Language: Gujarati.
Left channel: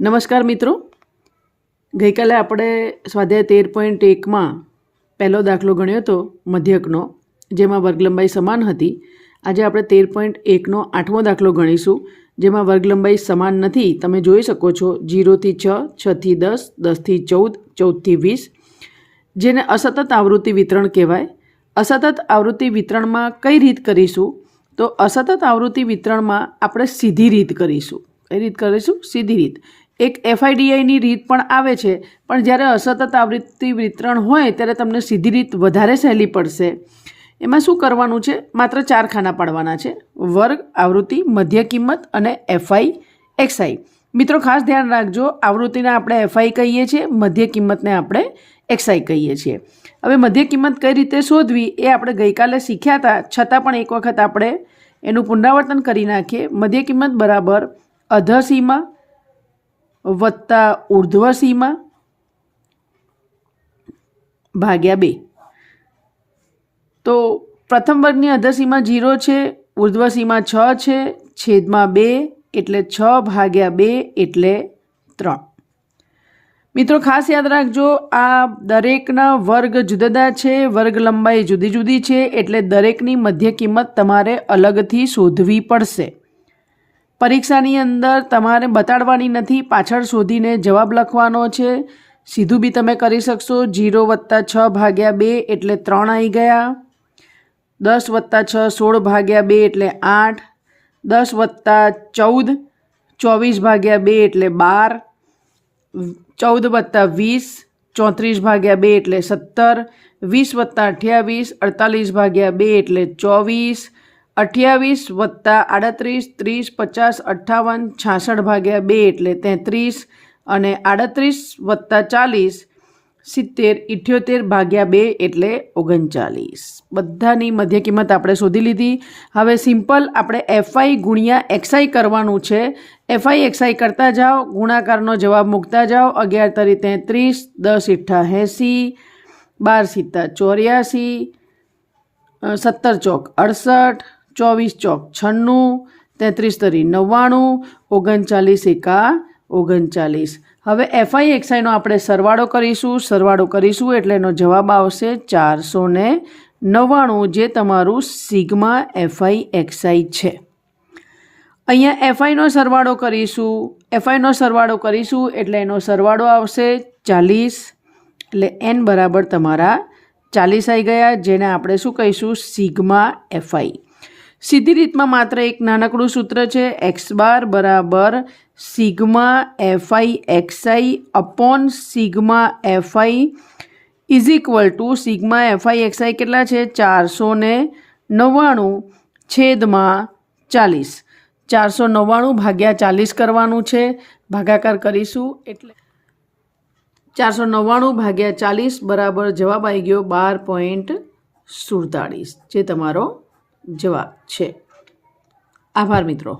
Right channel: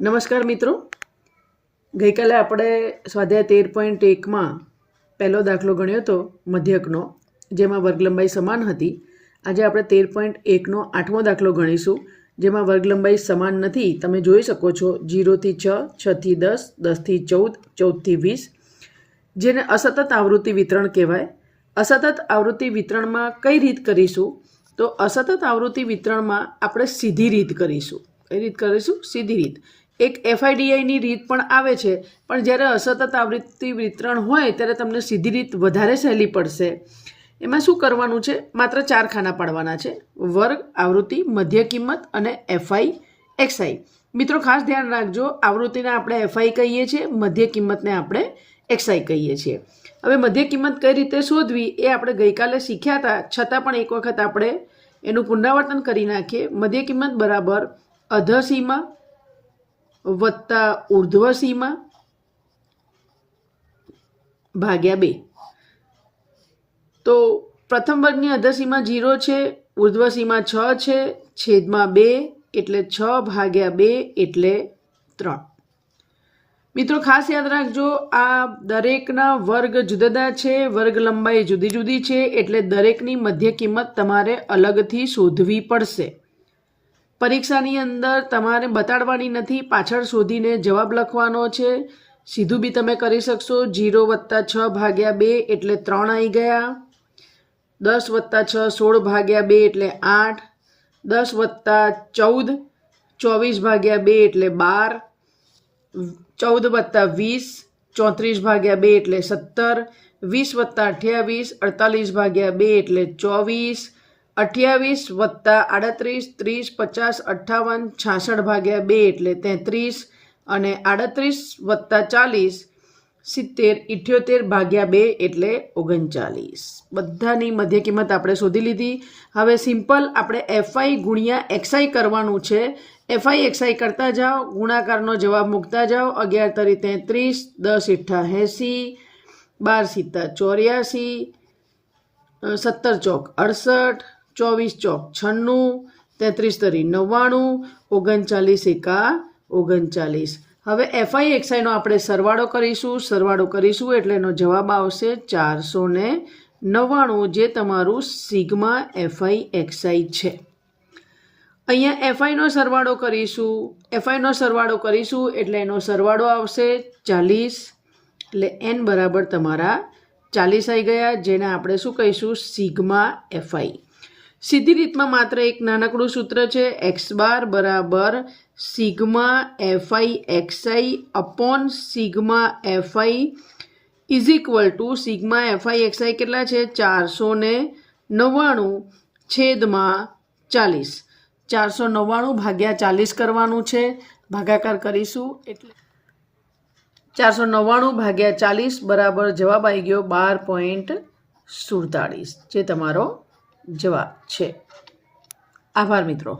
નમસ્કાર મિત્રો, ગઈકાલે આપણે સ્વાધ્યાય 13.1માં પહેલો દાખલો ગણ્યો હતો મધ્યકનો, જેમાં વર્ગલંબાઈ સમાન હતી. આજે આપણે 13.1નો 8મો દાખલો ગણીશું, જેમાં વર્ગલંબાઈ સમાન નથી. તમે જોઈ શકો છો 0 થી 6, 6 થી 10, 10 થી 14, 14 થી 20, જેને અસતત આવૃત્તિ વિતરણ કહેવાય. અસતત આવૃત્તિ વિતરણમાં કઈ રીત કરીશું? તો અસતત આવૃત્તિ વિતરણમાં આપણે સીધી રીત કરીશું. કઈ રીત કરીશું? સીધી રીત. એક FIDIની રીત પણ આવે છે, પણ જ્યારે અસતત આવૃત્તિ વિતરણ હોય ત્યારે તમને સીધી રીત વધારે સહેલી પડશે. એમાં શું કરવાનું છે? માત્ર 4 ખાના પાડવાના છે: વર્ગ, આવૃત્તિ, મધ્ય કિંમત અને FI XI. મિત્રો ખાસ ધ્યાન રાખજો, આવૃત્તિને આપણે FI કહીએ છીએ, મધ્ય કિંમતને આપણે XI કહીએ છીએ. હવે મધ્ય કિંમત કઈ રીતે શોધવી એ આપણે ગઈકાલે શીખ્યા હતા, છતાં પણ એક વખત આપણે એનું પુનરાવર્તન કરી નાખીએ. મધ્ય કિંમત બરાબર અધસીમા વત્તા ઉર્ધ્વસીમા ભાગ્યા 2. તો પ્રથમ વર્ગની અધસીમા 0 છે, ઉર્ધ્વસીમા 6 છે, છેદમાં 2 એટલે 6 ભાગ્યા 2 એટલે 3. મિત્રો ખાસ યાદ રાખજો, આ દરેકના વર્ગ જુદા જુદા છે, વર્ગ લંબાઈ જુદી જુદી છે, એટલે દરેકની મધ્ય કિંમત તમારે અલગથી શોધવી પડશે. પરીક્ષાની અંદર તમારે બતાડવાની નથી, પાછળ શોધીને જવાબ લખવાનો છે. સીધું બી તમે કરી શકશો. 0 વત્તા 6 ભાગ્યા 2 એટલે 3 આવી ગયા. 10 વત્તા 6 16 ભાગ્યા 2 એટલે 8. 10 વત્તા 14 24 ભાગ્યા 2 એટલે 12. 14 વત્તા 20 34 ભાગ્યા 2 એટલે 17. 20 વત્તા 28 48 ભાગ્યા 2 એટલે 24. 28 વત્તા 38 30 50 58 66 ભાગ્યા 2 એટલે 33. અને 38 વત્તા 40 70 78 ભાગ્યા 2 એટલે 39. બધાની મધ્ય કિંમત આપણે શોધી લીધી. હવે સિમ્પલ આપણે FI ગુણ્યા XI કરવાનું છે. FI XI કરતા જાઓ, ગુણાકારનો જવાબ મૂકતા જાઓ. 11 તરી 33, 10 ઈઠ્ઠા 80, 12 સિત્તા 84, 17 ચોક 68, 24 ચોક 96, 33 તરી 99, 39 એકા 39. હવે FI XI નો આપણે સરવાળો કરીશું એટલે એનો જવાબ આવશે 499, જે તમારું સિગ્મા FI XI છે. અહીંયા FI નો સરવાળો કરીશું એટલે એનો સરવાળો આવશે 40, એટલે n બરાબર તમારા 40 આવી ગયા, જેને આપણે શું કહીશું? Sigma FI. સીધી રીતમાં માત્ર એક નાનકડું સૂત્ર છે: x બાર બરાબર sigma FI XI upon sigma FI is equal to sigma FI XI કેટલા છે? 499 છેદમાં 40. 499 ભાગ્યા 40 કરવાનું છે, ભાગાકાર કરીશું એટલે 499 ભાગ્યા 40 બરાબર જવાબ આવી ગયો 12.47, જે તમારો જવાબ છે. આભાર મિત્રો.